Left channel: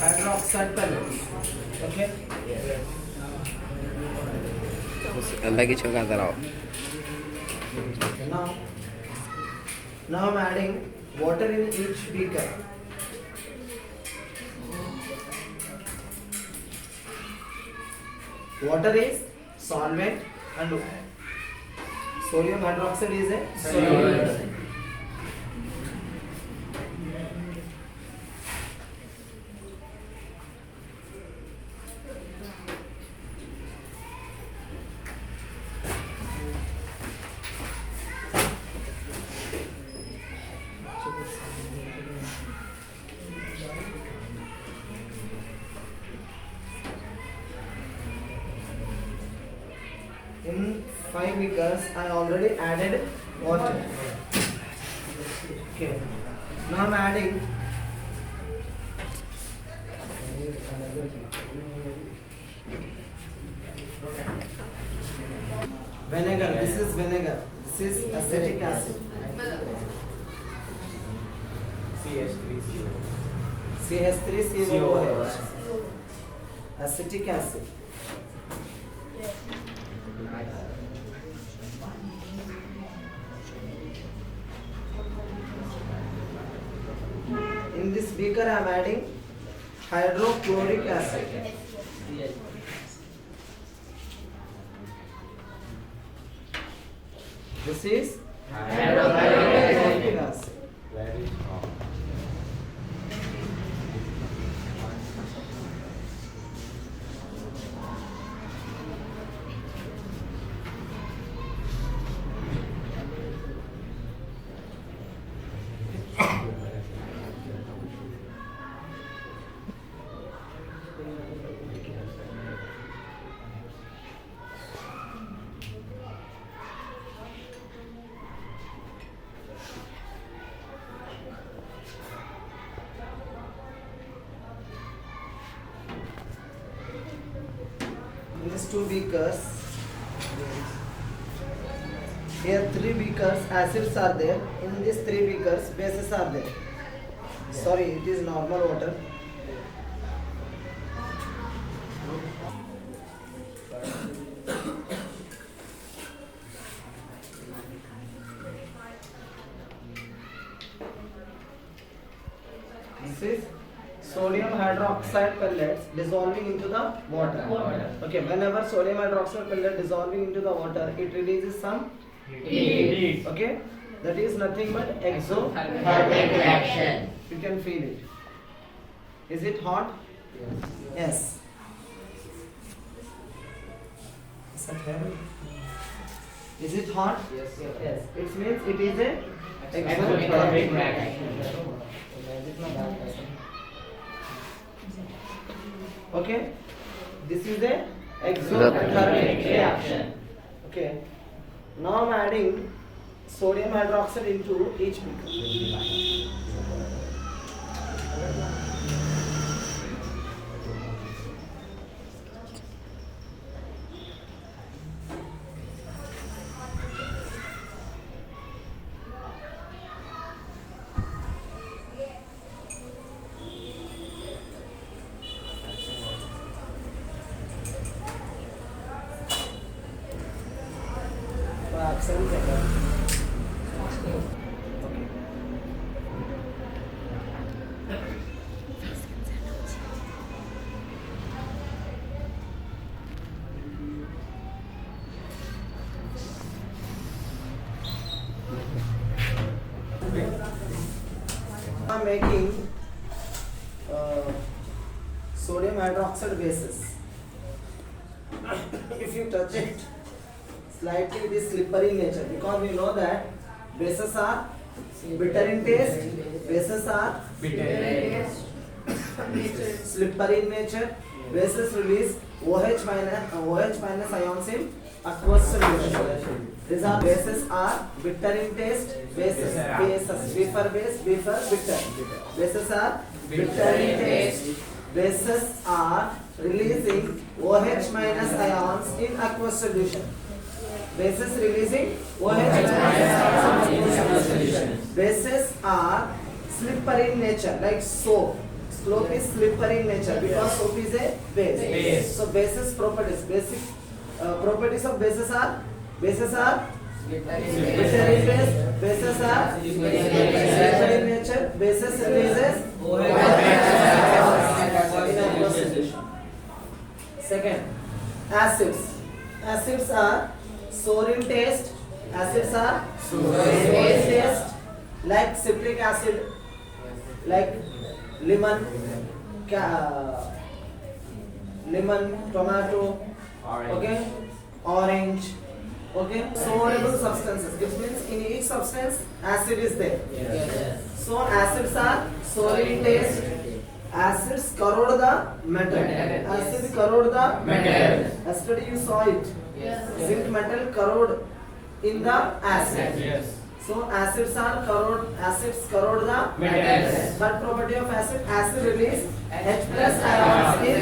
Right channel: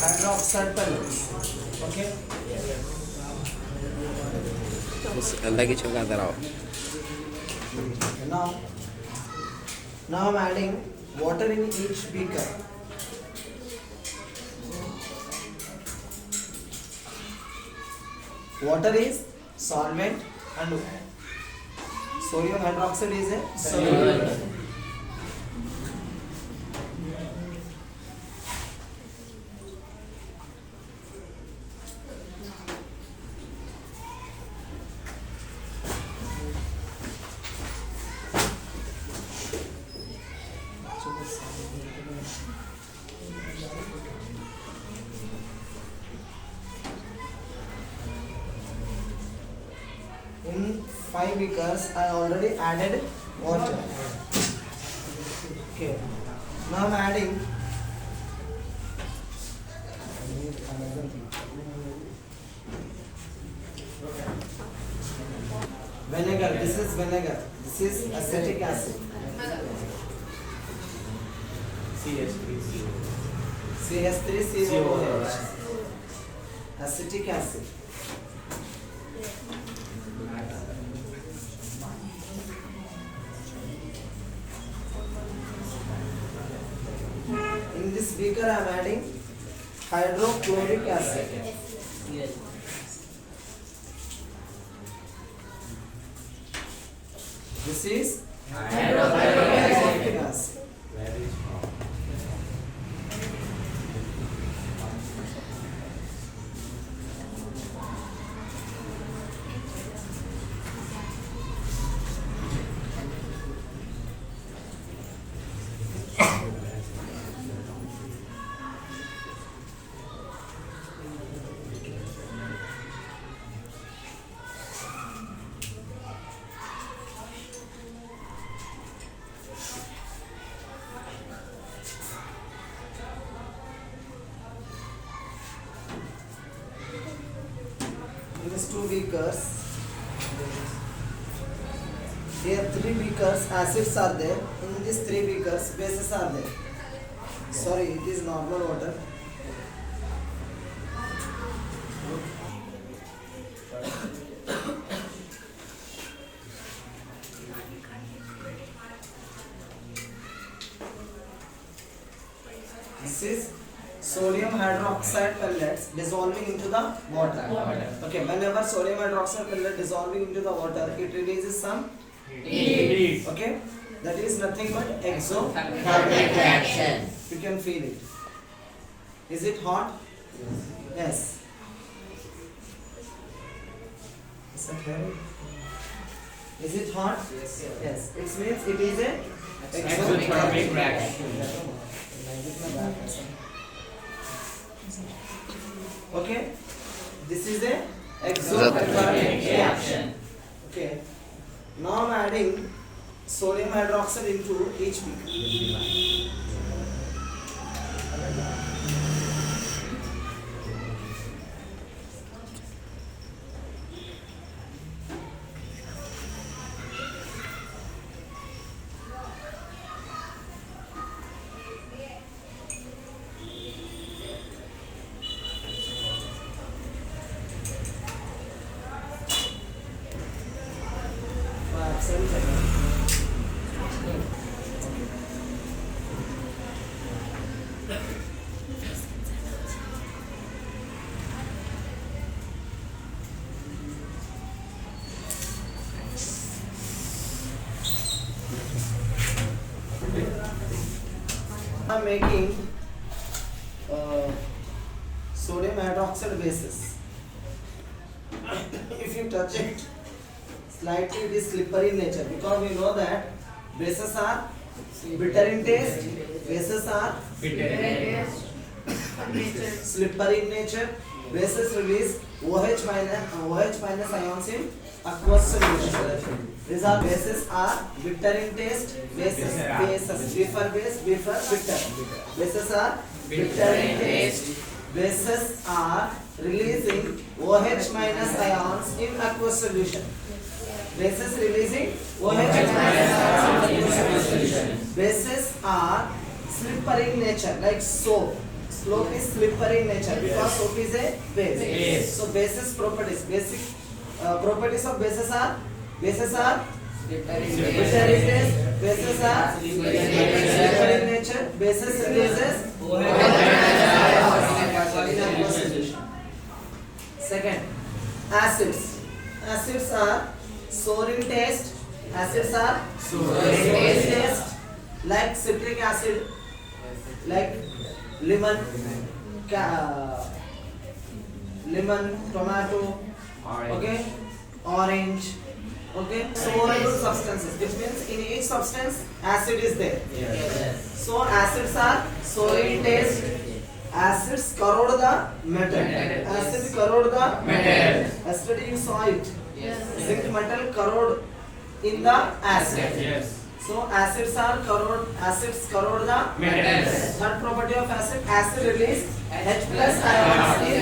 hydroxide pellets. Okay. अंदर की छुपा रहा Now, I'm adding water in each beaker. Water is solvent and sodium hydroxide is a solvent. In 5 beakers, I already added water. Okay. Now I'm adding vinegar. This is vinegar. This is acetic acid. CH3COOH. Acetic acid. In this beaker, I am adding hydrochloric acid. This is hydrochloric acid. In these 2 beakers, here 3 beakers acids are there. In these 3 beakers bases are there. Sorry, it is normal water. This is sodium hydroxide pellets dissolving into the water. Okay, whenever sodium hydroxide pellet dissolving into the water, it releases some heat. Okay, that is nothing but exothermic reaction. You can feel it. Is it hot? Yes. Is that heavy? Is it hot? Yes. Yes. It means it is a exothermic reaction. Okay, this is a exothermic reaction. Okay, now I'm adding sodium hydroxide into each beaker. I'm making sodium hydroxide bases. If you touch it, slightly it is slippery in nature, because we know that bases are bitter in taste, bases are slippery in nature. Bases release OH minus ions in aqueous solution. These are bases are bitter in taste. Bases bitter. Bases are bitter in taste. Bases are releasing OH minus ions in aqueous solution. Bases releasing OH minus ions in aqueous solution. Bases are slippery in nature, like soap. Slope is slippery in nature because soap is a base. So bases properties, basic properties of bases are glittery base, bases are slippery in nature, bases releases in aqueous solution. Second, acids. Acids are sour in taste. Acids are sour in taste, like citric acid, like lemon, tomato, okay, orange, okay. Sourable substances. It means in each substance acid is there. So acids are sour in taste. Acids corrode the metal. Acid corrode the metal. Yesterday you saw it. Zinc metal corrode in the acid. So acids corrode the metals. Third property of acid release H plus ions in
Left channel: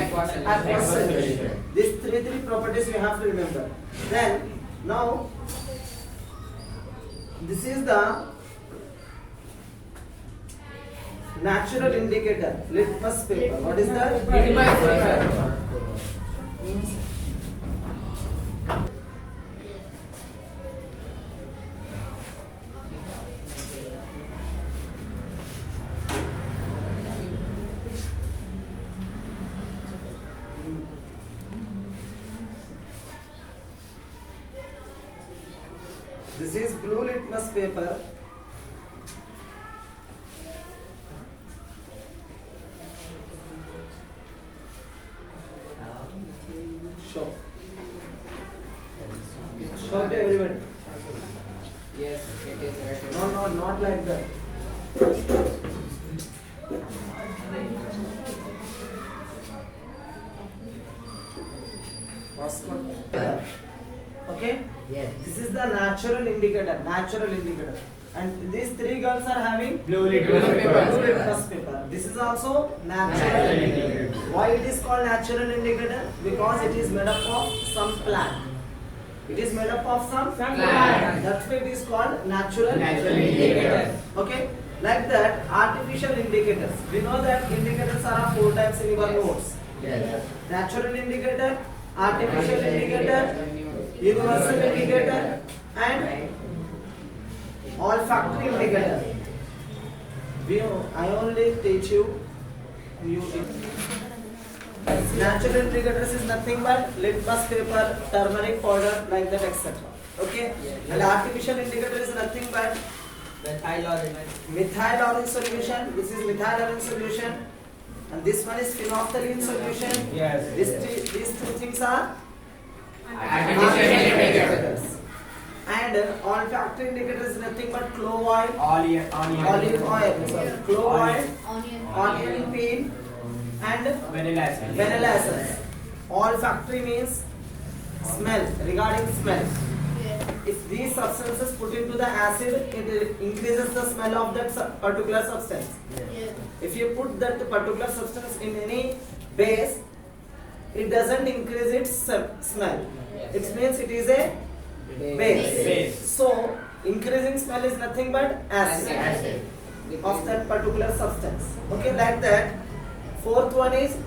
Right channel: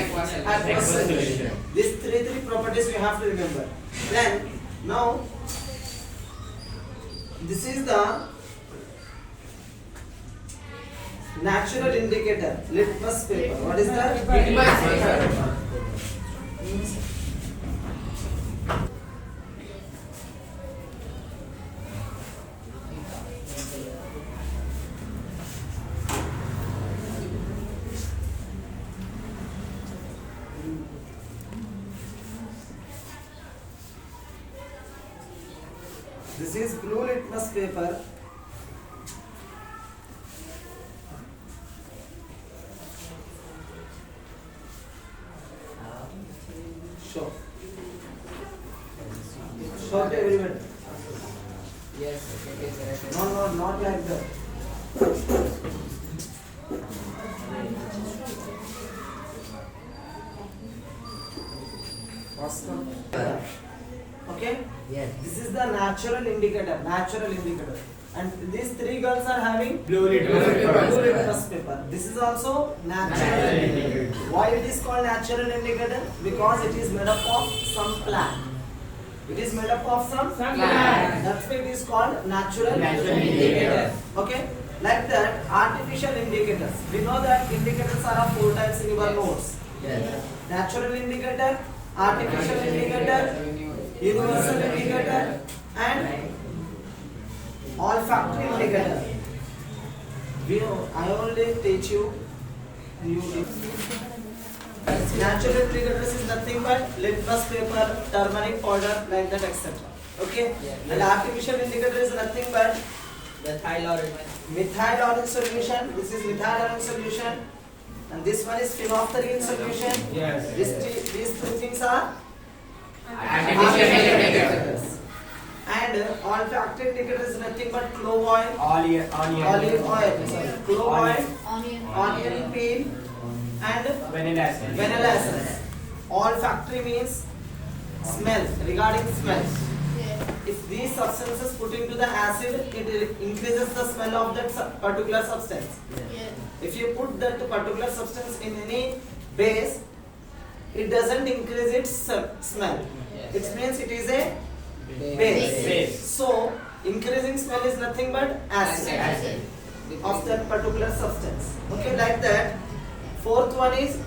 aqueous solution. These three properties you have to remember. Then now this is the natural indicator, litmus paper. What is that? Litmus paper. This is blue litmus paper. Show to everyone. Yes, it is right. No, not like that. Okay? Yes. This is the natural indicator. And these three girls are having Blue litmus paper. This is also natural indicator. Why it is called natural indicator? Because it is made up of some plant. It is made up of some plant. That's why it is called natural indicator. Okay? Like that, artificial indicators. We know that indicators are of 4 types in your notes. Yes. Natural indicator, artificial indicator, universal indicator, and olfactory indicator. I only teach you new things. Natural indicators is nothing but litmus paper, turmeric powder, like that, etc. Okay? And artificial indicator is nothing but methyl orange solution. This is methyl orange solution, and this one is phenolphthalein solution. Yes. These two things are Artificial indicators. And olfactory indicator is nothing but clove oil, Olive sorry, clove oil, onion peel, and vanilla essence. vanilla essence. Olfactory means smell, regarding smell. If these substances put into the acid, it increases the smell of that particular substance. If you put that particular substance in any base, it doesn't increase its smell. It means it is a base. So increasing smell is nothing but acid of that particular substance. Okay, like that. Fourth one is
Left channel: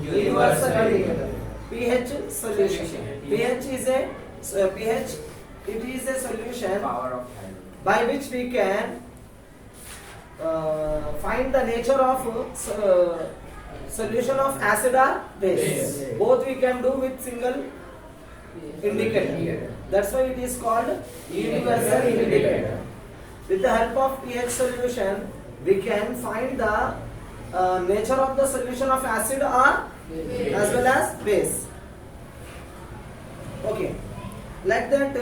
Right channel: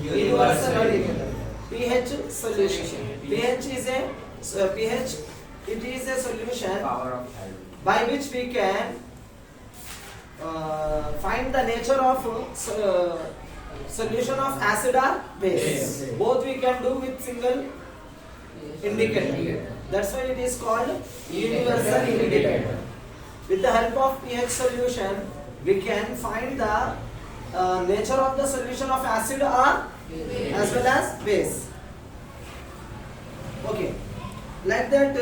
universal indicator. pH solution. pH is a solution by which we can find the nature of solution of acid or base. Both we can do with single indicator. That's why it is called universal indicator. With the help of pH solution, we can find the nature of the solution of acid or as well as base. Okay, like that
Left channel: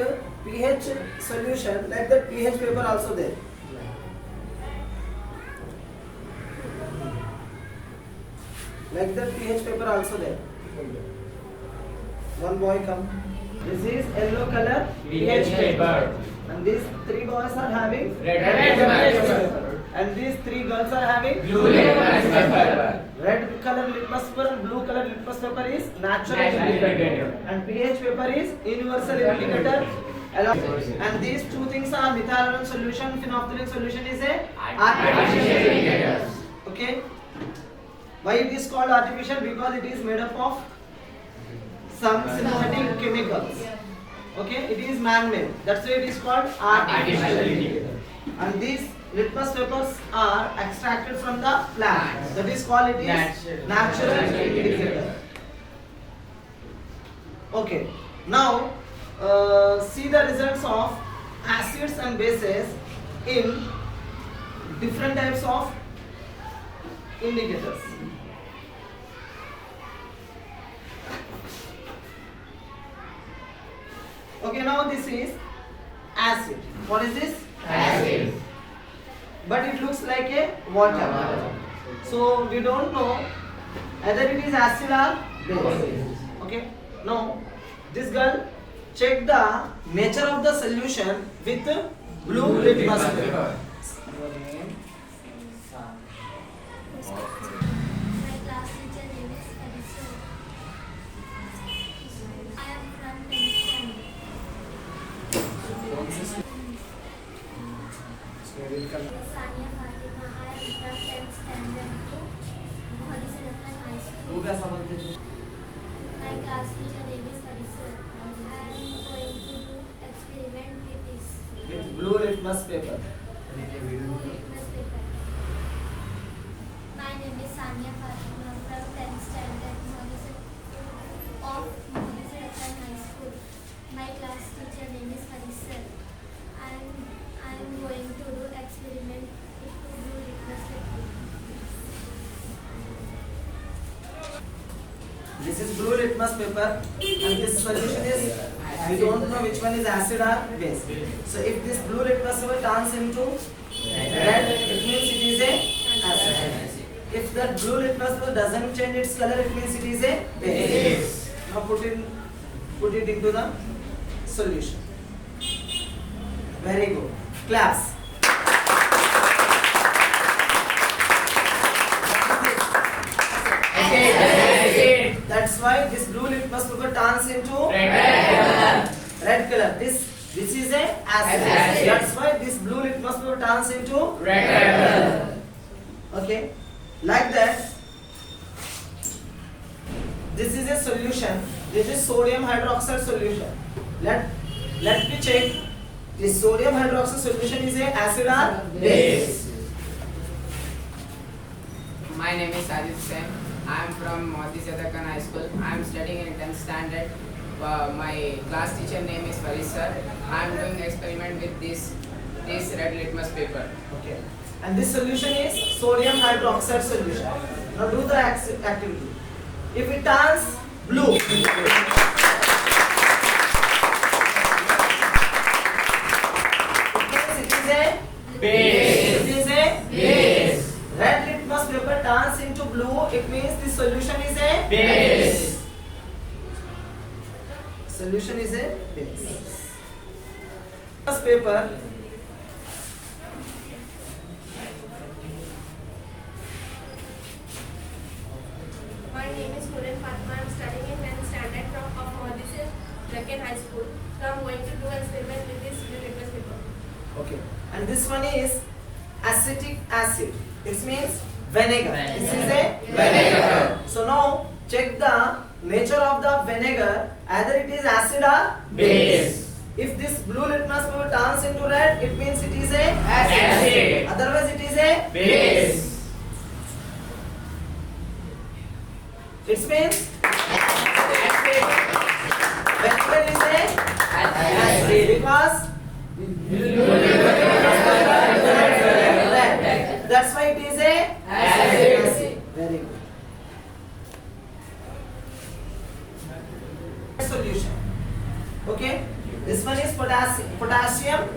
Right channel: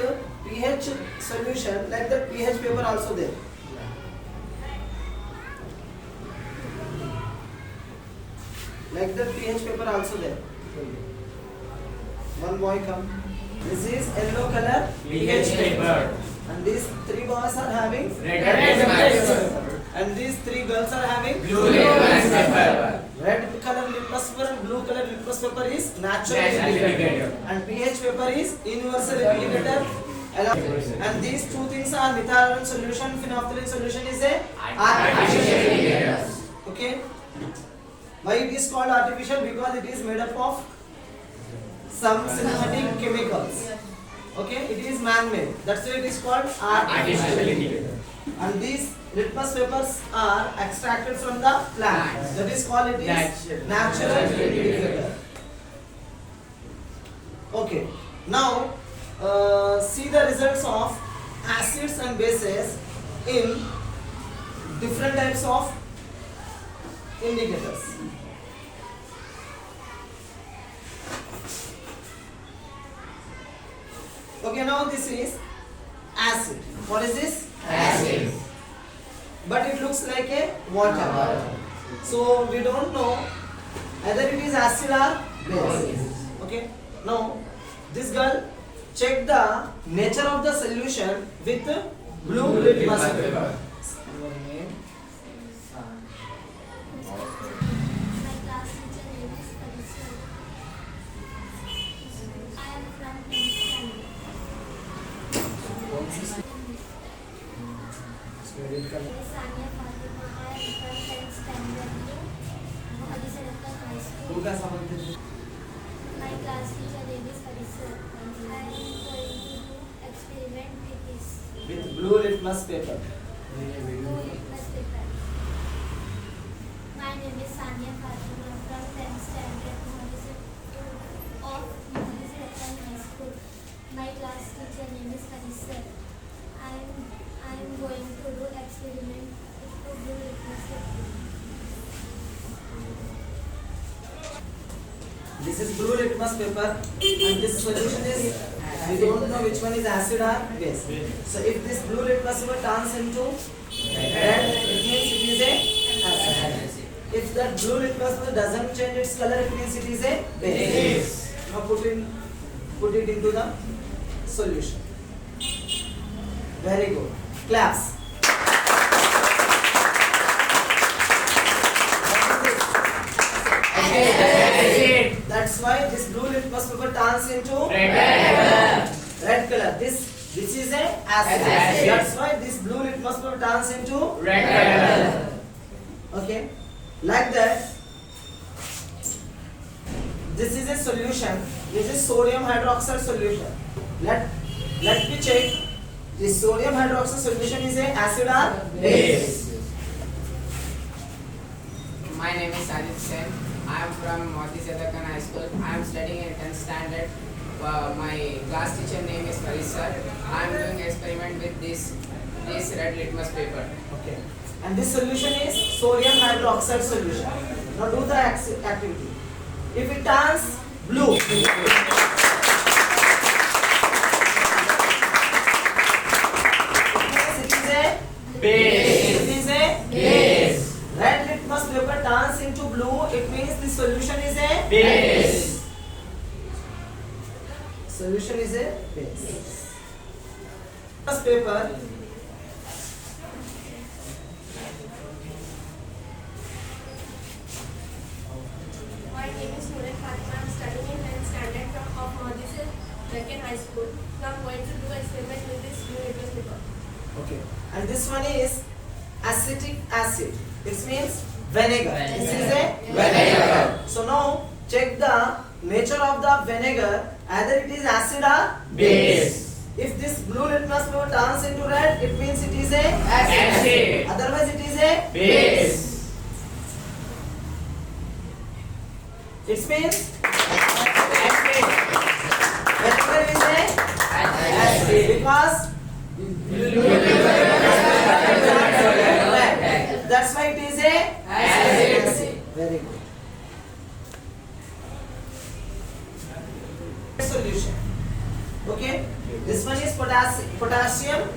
pH solution, like that pH paper also there. Like that pH paper also there. One boy come. This is yellow color pH paper. And these three boys are having Red litmus paper. and these three girls are having Blue litmus paper. Red color litmus paper and blue color litmus paper is natural Natural indicator. indicator. And pH paper is universal indicator. And these two things are methyl iron solution, phenolphthalein solution is a artificial indicator. Okay. Why it is called artificial? Because it is made up of some synthetic chemicals. Okay, it is man-made. That's why it is called artificial. And these litmus papers are extracted from the plant. That is called it is natural indicator. Okay, now see the results of acids and bases in different types of indicators. Okay, now this is acid. What is this? Acid. But it looks like a water. So we don't know either it is acid or base. Okay. Now this girl check the nature of the solution with blue litmus paper. Your name? My class teacher name is Parisa. I am from 10th standard. Spirit My name is Sania Fatima. I am from 10th standard to Mohali Sadakkan High School. My class teacher name is Parisa. I am going to do experiment with this With blue litmus paper. blue litmus paper. My name is Sania Fatima from 10th standard of Mohali Sadakkan High School. My class teacher name is Parisa. I am going to do experiment with blue litmus paper. This is blue litmus paper and this solution is, we don't know which one is acid or base. So if this blue litmus paper turns into red, it means it is a acid. If that blue litmus paper doesn't change its color, it means it is a base. Now put it into the solution. Very good. Claps. Acid. That's why this blue litmus paper turns into red color. This is a acid. Acid. That's why this blue litmus paper turns into Red. okay. Like that. This is a solution. This is sodium hydroxide solution. Let me check. This sodium hydroxide solution is a acid or base. My name is Sajid Sen. I am from Mohali Sadakkan High School. I am studying in 10th standard. My class teacher name is Faris sir. I am doing experiment with this red litmus paper. Okay. And this solution is sodium hydroxide solution. Now do the activity. If it turns blue, it is a Base. It is a Base. red litmus paper turns into blue. It means the solution is a Base. Solution is a base. Litmus paper. My name is Nurin Fatima. I am studying in 10th standard of Mohali Sadakkan High School. Now I am going to do experiment with this blue litmus paper. Okay. And this one is acetic acid. It means vinegar. This is a vinegar. So now check the nature of the vinegar. Either it is acid or Base. If this blue litmus paper turns into red, it means it is a Acid. Otherwise, it is a Base. It means vinegar is a acid because red. That's why it is a acid. Very good. Solution. Okay. This one is potassium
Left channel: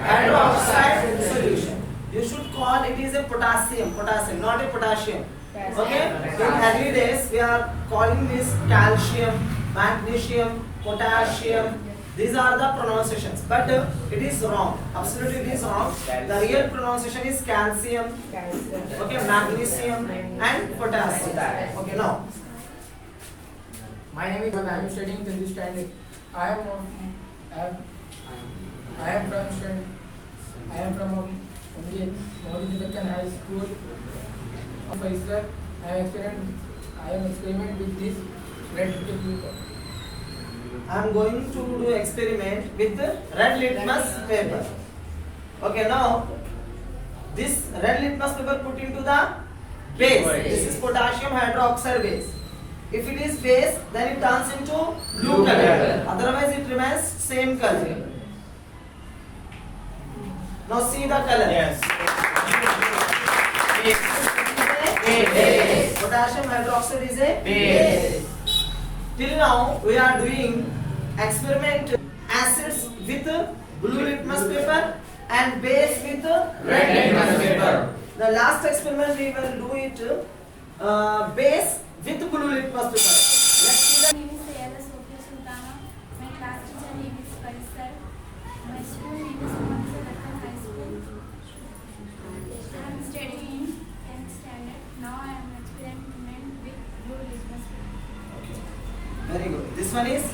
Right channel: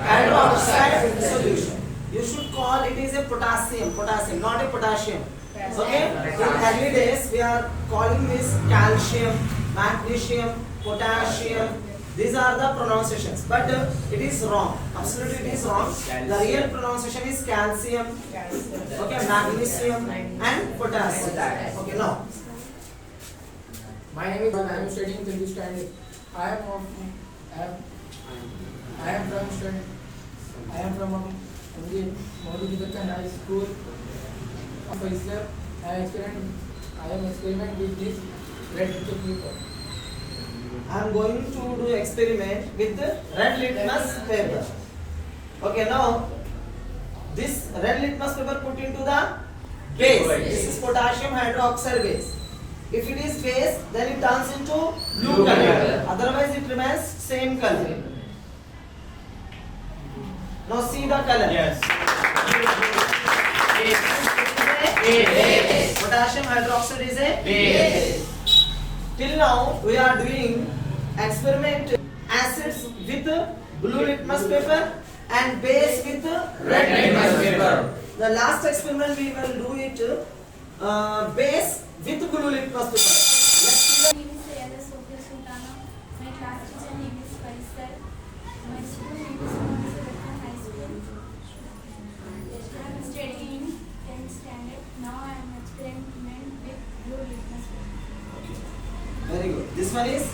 hydroxide solution. You should call it is a potassium, not a potassium. Okay. In early days, we are calling this calcium, magnesium, potassium. These are the pronunciations, but it is wrong. Absolutely, it is wrong. The real pronunciation is calcium, okay, magnesium, and potassium. Okay, now. My name is Bala. I am studying 10th standard. I am from Mohali Sadakkan High School. Faisal. I am experiment with this red paper. I am going to do experiment with the red litmus paper. Okay, now this red litmus paper put into the base. This is potassium hydroxide base. If it is base, then it turns into blue color. Otherwise, it remains same color. Now see the color. Yes. Base. Potassium hydroxide is a base. Till now, we are doing experiment acids with blue litmus paper and base with red litmus paper. The last experiment we will do it base with blue litmus paper. Let's see My name is Sayada Sophia Sultana. My class teacher name is Faisal. My school name is Mohammed Sadakkan High School. I am studying in 10th standard. Now I am experimenting with blue litmus paper. Very good. This one is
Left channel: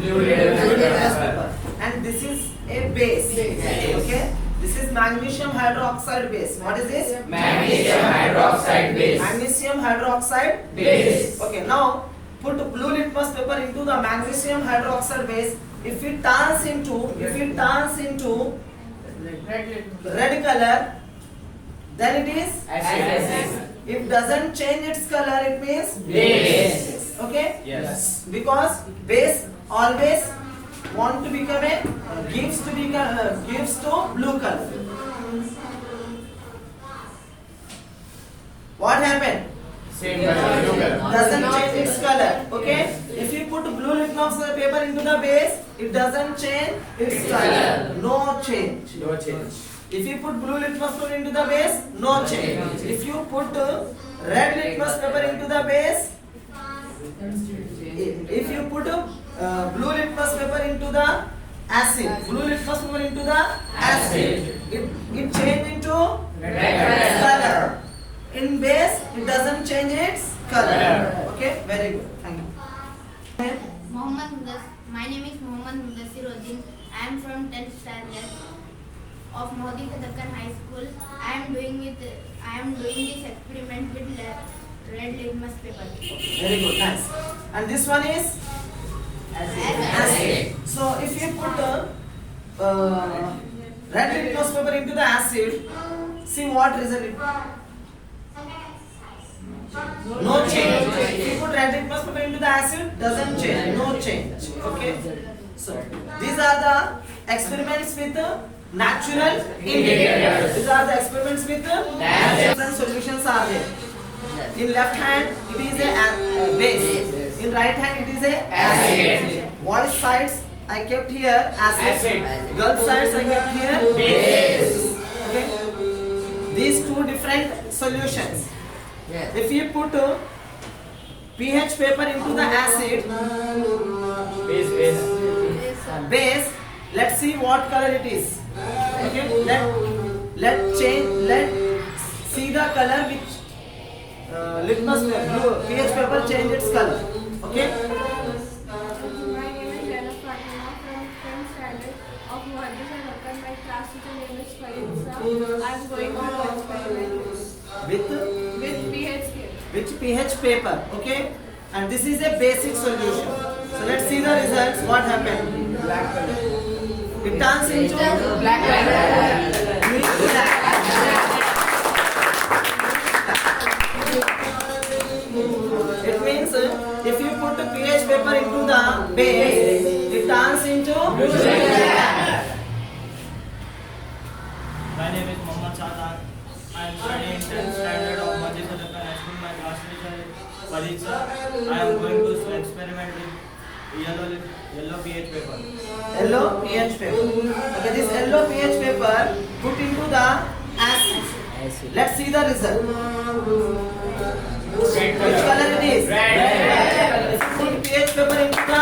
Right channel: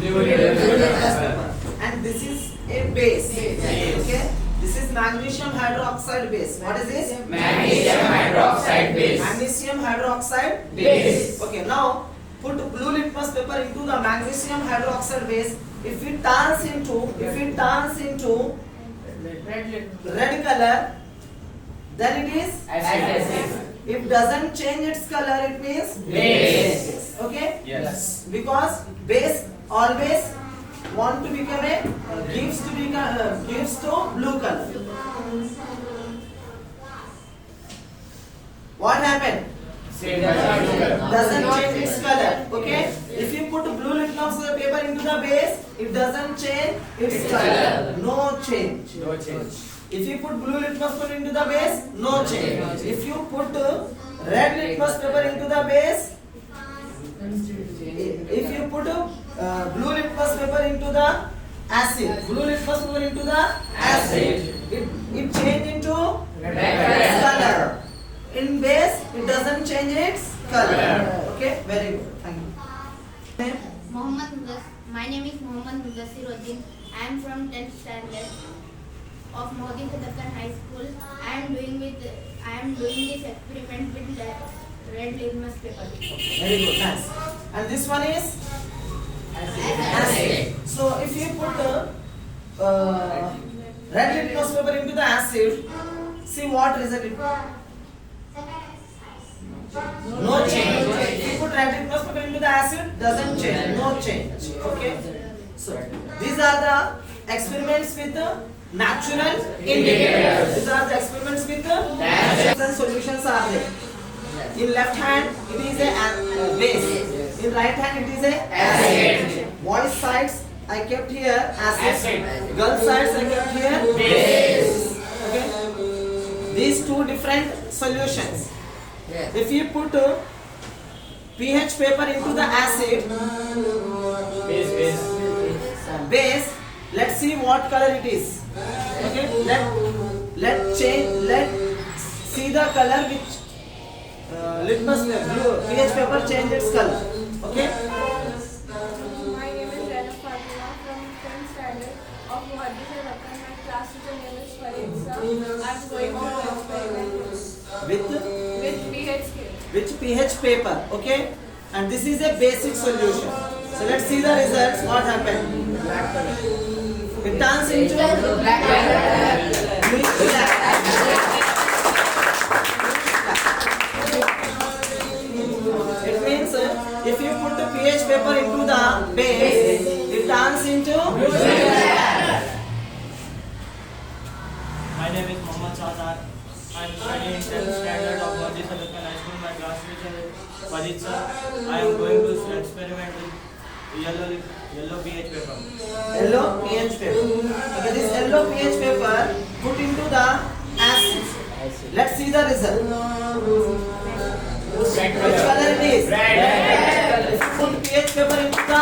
Blue litmus paper. And this is a base. Okay. This is magnesium hydroxide base. What is this? Magnesium hydroxide base. Magnesium hydroxide Base. Okay. Now put blue litmus paper into the magnesium hydroxide base. If it turns into red color, then it is Acid. If doesn't change its color, it means Base. Okay. Yes. Because base always want to become a gives to blue color. What happened? Doesn't change its color. Okay. If you put blue litmus paper into the base, it doesn't change its color. No change. No change. If you put blue litmus paper into the base, no change. If you put red litmus paper into the base, if you put blue litmus paper into the acid, it change into Red color. In base, it doesn't change its color. Okay, very good. Thank you. My name is Mohammed Mudassiruddin. I am from 10th standard of Modi Sadakkan High School. I am doing this experiment with red litmus paper. Very good, nice. And this one is acid. So if you put red litmus paper into the acid, see what result it. No change. If you put red litmus paper into the acid, doesn't change. No change. Okay. So these are the experiments with the natural indicators. These are the experiments with the different solutions are there. In left hand it is a base. In right hand it is a acid. Boys sides I kept here acid. Girls sides I kept here base. Okay. These two different solutions. If you put pH paper into the acid base, let's see what color it is. Okay, let's see the color which litmus blue pH paper change its color. Okay. My name is Zainab Fatima from 10th standard of Mohammed Sadakkan. My class teacher name is Farid. I am going to experiment with pH scale. With pH paper. Okay, and this is a basic solution. So let's see the results. What happened? It turns into black. It means if you put the pH paper into the base, it turns into black. My name is Mohammed Sadan. I am studying in 10th standard of Modi Sadakkan High School. My class teacher is Farid sir. I am going to experiment with yellow pH paper. Yellow pH paper. Okay, this yellow pH paper put into the acid. Let's see the result. Which color it is? Red. If you put pH paper into the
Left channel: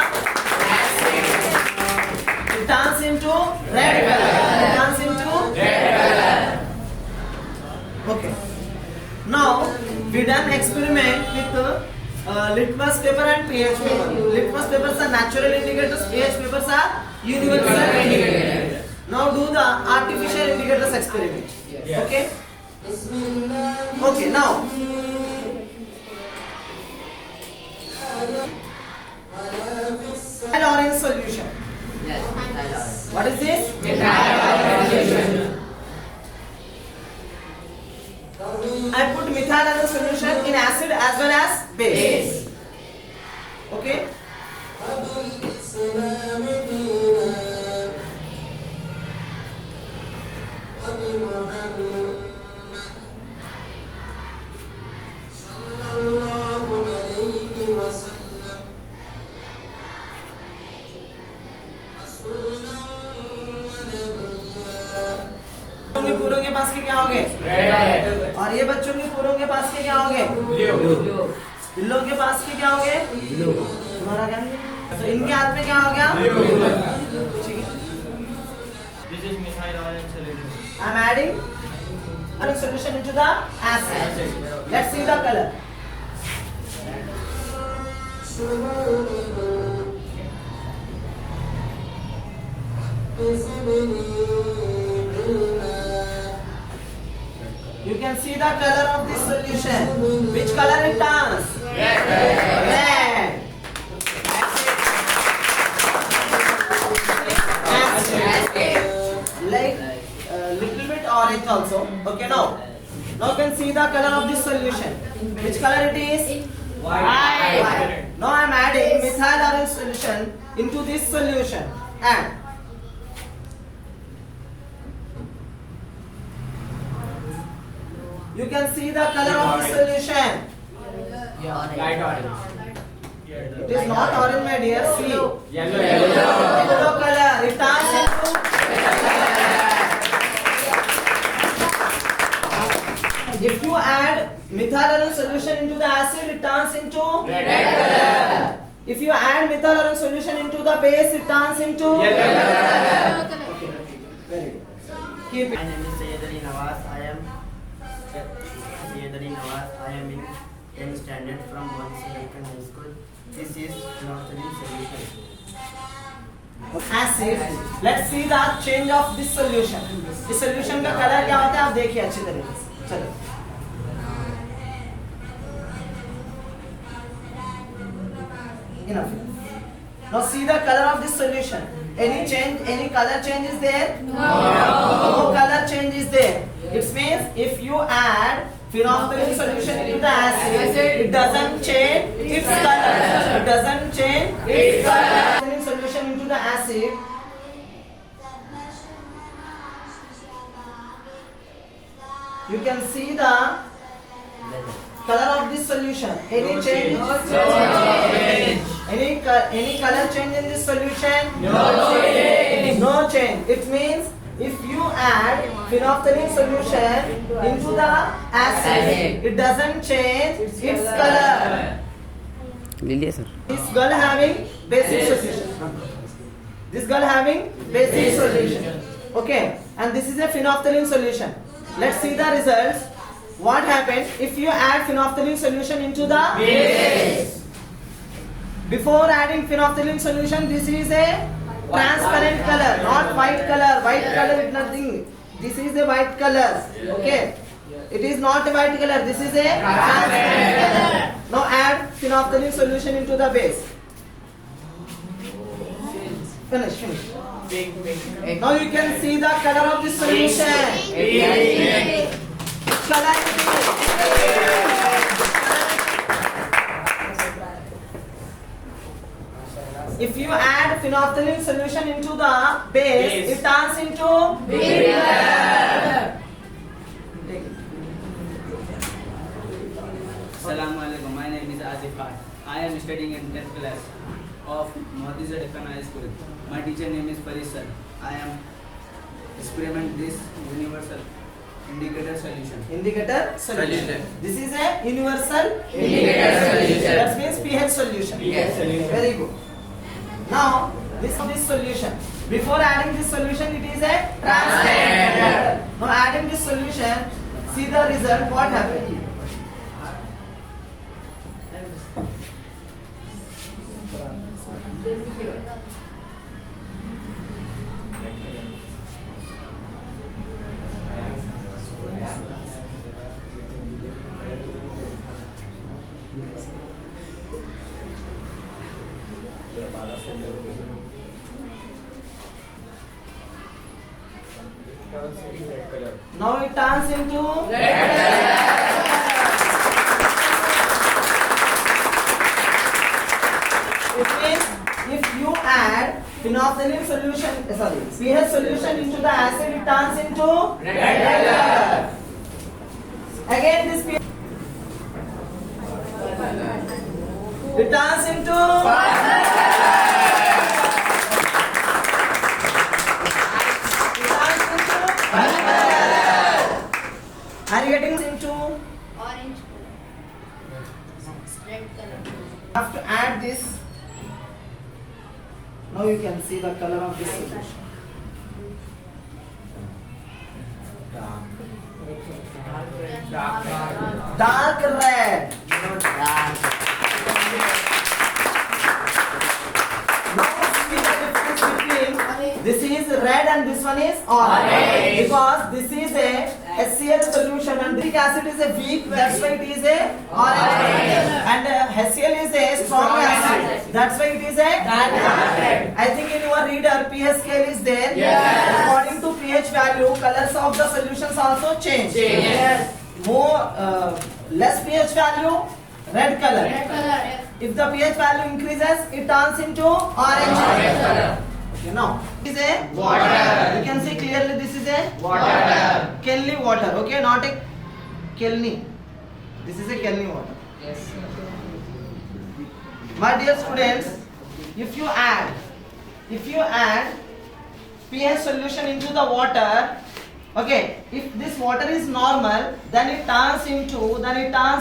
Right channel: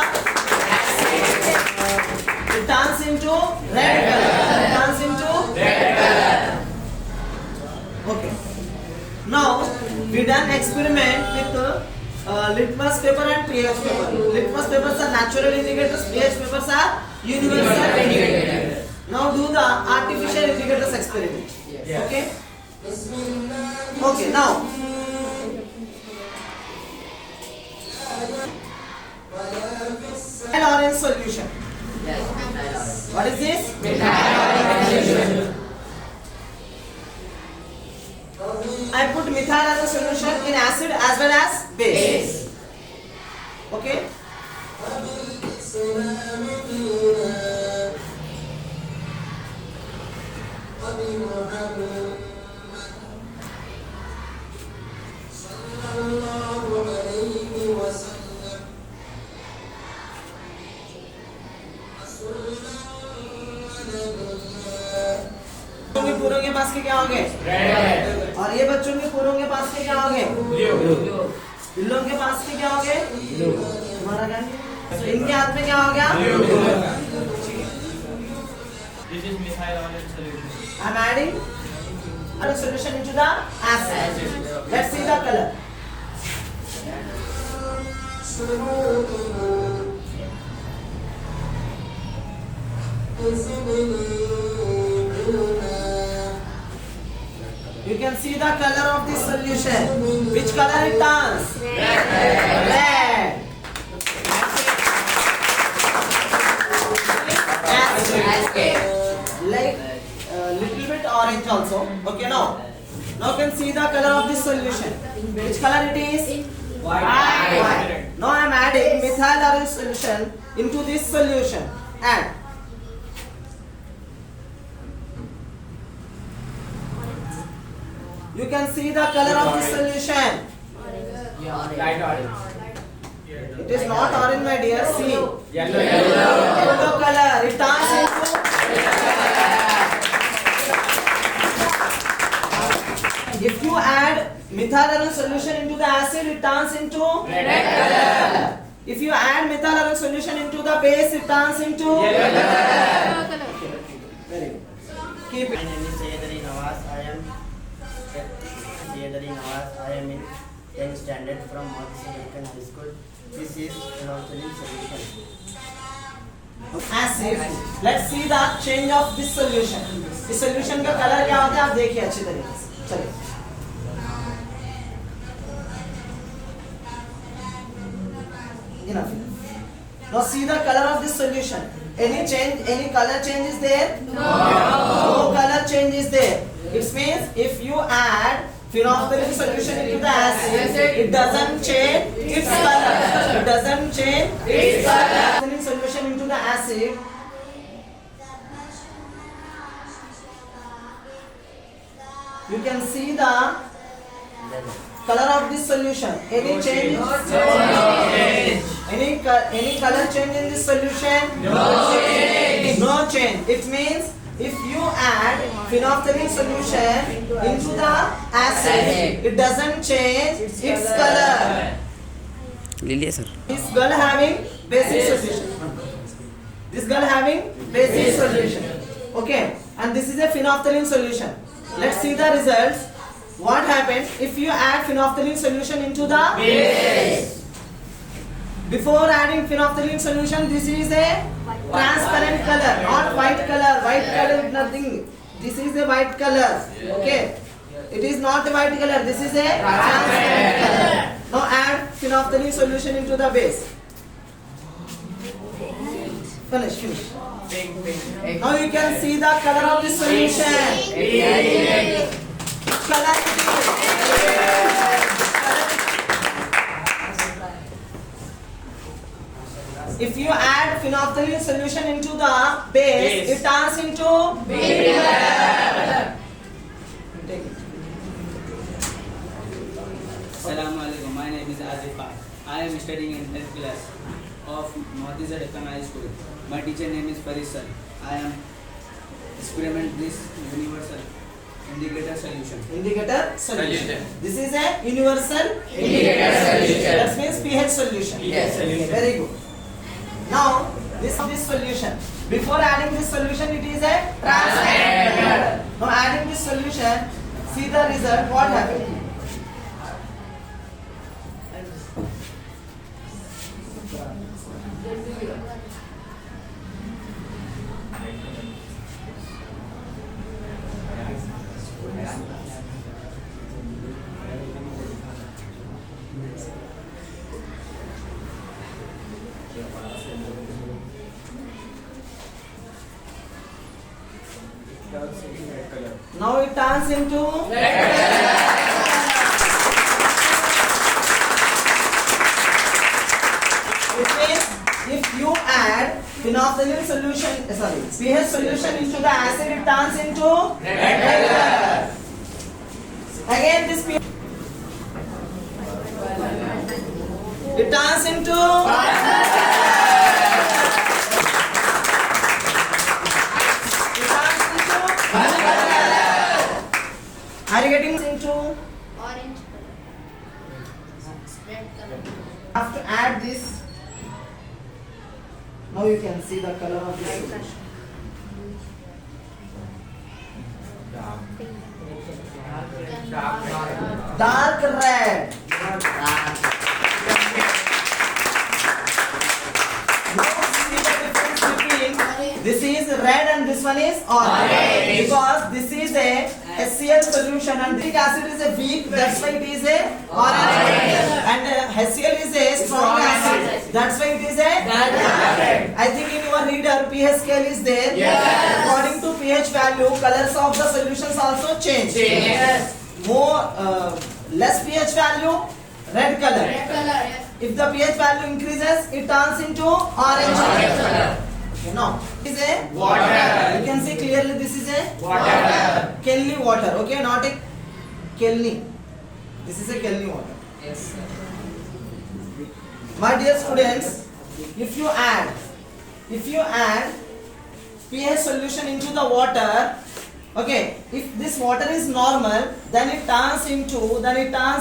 acid, it turns into red color. Okay. Now we done experiment with litmus paper and pH paper. Litmus papers are natural indicators. pH papers are universal indicators. Now do the artificial indicators experiment. Okay. Okay. Now solution. Yes. What is this? I put methyl as a solution in acid as well as base. Okay. पूरों के पास के क्या होंगे? और ये बच्चों के पूरों के पास के क्या होंगे? बिल्लों के पास के क्या होंगे? तुम्हारा क्या? तो इनके हाथ में क्या हो गया? This is methyl orange solution. I'm adding a solution into the acid. Let's see the color. You can see the color of this solution. Which color it turns? Red. Like little bit orange also. Okay, now you can see the color of this solution. Which color it is? White. Now I am adding methyl orange solution into this solution. Add. You can see the color of this solution. Light orange. It is not orange, my dear. See. Yellow. Yellow color. It turns into. If you add methyl orange solution into the acid, it turns into Red color. If you add methyl orange solution into the base, it turns into Yellow color. Very good. Keep My it. name is Sayyidali Nawaz. I am in 10th standard from Montessori High School. This is phenolphthalein solution. Acid. Let's see the change of this solution. इस solution का color क्या होता है आप देखिए अच्छी तरीके से. चलिए. Enough. Now see the color of this solution. Any change? Any color change is there? No color change is there. It means if you add phenolphthalein solution into the acid, it doesn't change its color. It doesn't change its color. Phenolphthalein solution into the acid. You can see the color of this solution. Any change? Any color change in this solution? No change. It means if you add phenolphthalein solution into the acid, it doesn't change its color. लीजिए sir. This girl having basic solution. This girl having basic solution. Okay, and this is a phenolphthalein solution. Let's see the results. What happens if you add phenolphthalein solution into the base? Before adding phenolphthalein solution, this is a transparent color, not white color. White color is nothing. This is a white color. Okay, it is not a white color. This is a transparent color. Now add phenolphthalein solution into the base. Finish. Now you can see the color of this solution. Color it is. If you add phenolphthalein solution into the base, it turns into vinegar. Take it. Assalamu alaikum. My name is Azif Khan. I am studying in 10th class of Montessori High School. My teacher name is Faris sir. I am experiment this universal indicator solution. Indicator solution. Solution. This is a universal Indicator solution. That means pH solution. Yes. Very good. Now this solution. Before adding this solution, it is a transparent. Now adding this solution, see the result. What happened? color. Now it turns into It means if you add phenolphthalein solution, pH solution into the acid, it turns into red color. Again this pH, it turns into Are you getting into Orange color. Red color. have to add this. Now you can see the color of this solution. Dark red. This is red and this one is orange. Because this is a HCl solution and citric acid is a weak, that's why it is a orange. And HCl is a strong acid, that's why it is a red. I think in your reader pH scale is there. According to pH value, colors of the solutions also change. More less pH value, red color. Red color, yes. If the pH value increases, it turns into orange color. Okay, now this is a water. You can see clearly this is a water. Kelly water. Okay, not a Kelly. This is a Kelly water. Yes, sir. My dear students, if you add pH solution into the water, okay, if this water is normal, then it turns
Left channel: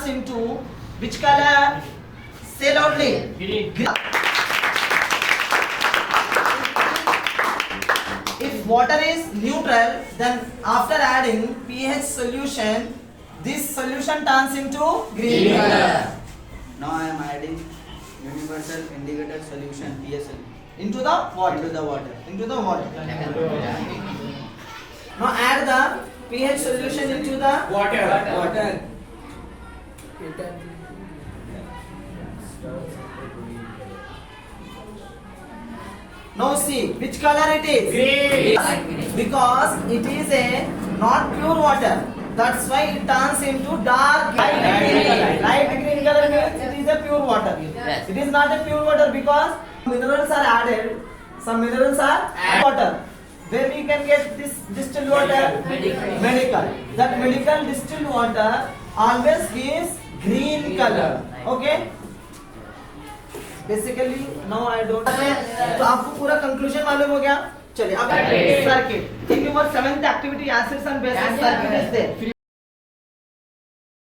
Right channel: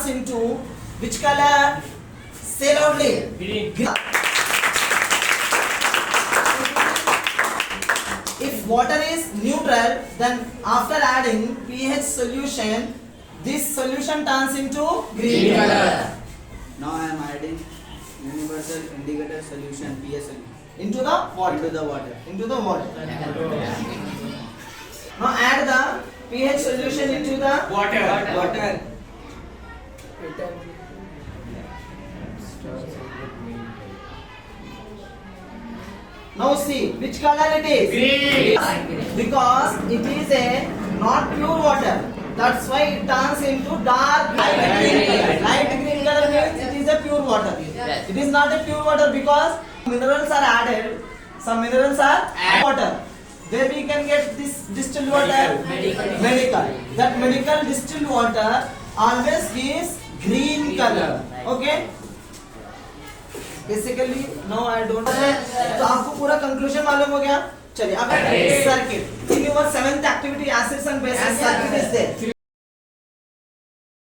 into which color? Say loudly. Green. If water is neutral, then after adding pH solution, this solution turns into green color. Now I am adding universal indicator solution PSL Into the water. Into the water. Now add the pH solution into the Water. Now see which color it is. Green. Because it is a not pure water. That's why it turns into dark light green color. Light green color means it is a pure water. Yes. It is not a pure water because minerals are added. Some minerals are water. Where we can get this distilled water? Medical. That medical distilled water always gives green color. Okay? Basically, now I don't. तो आपको पूरा conclusion मालूम हो गया? चलिए अब circuit. In your 7th activity, acids and bases circuit is there.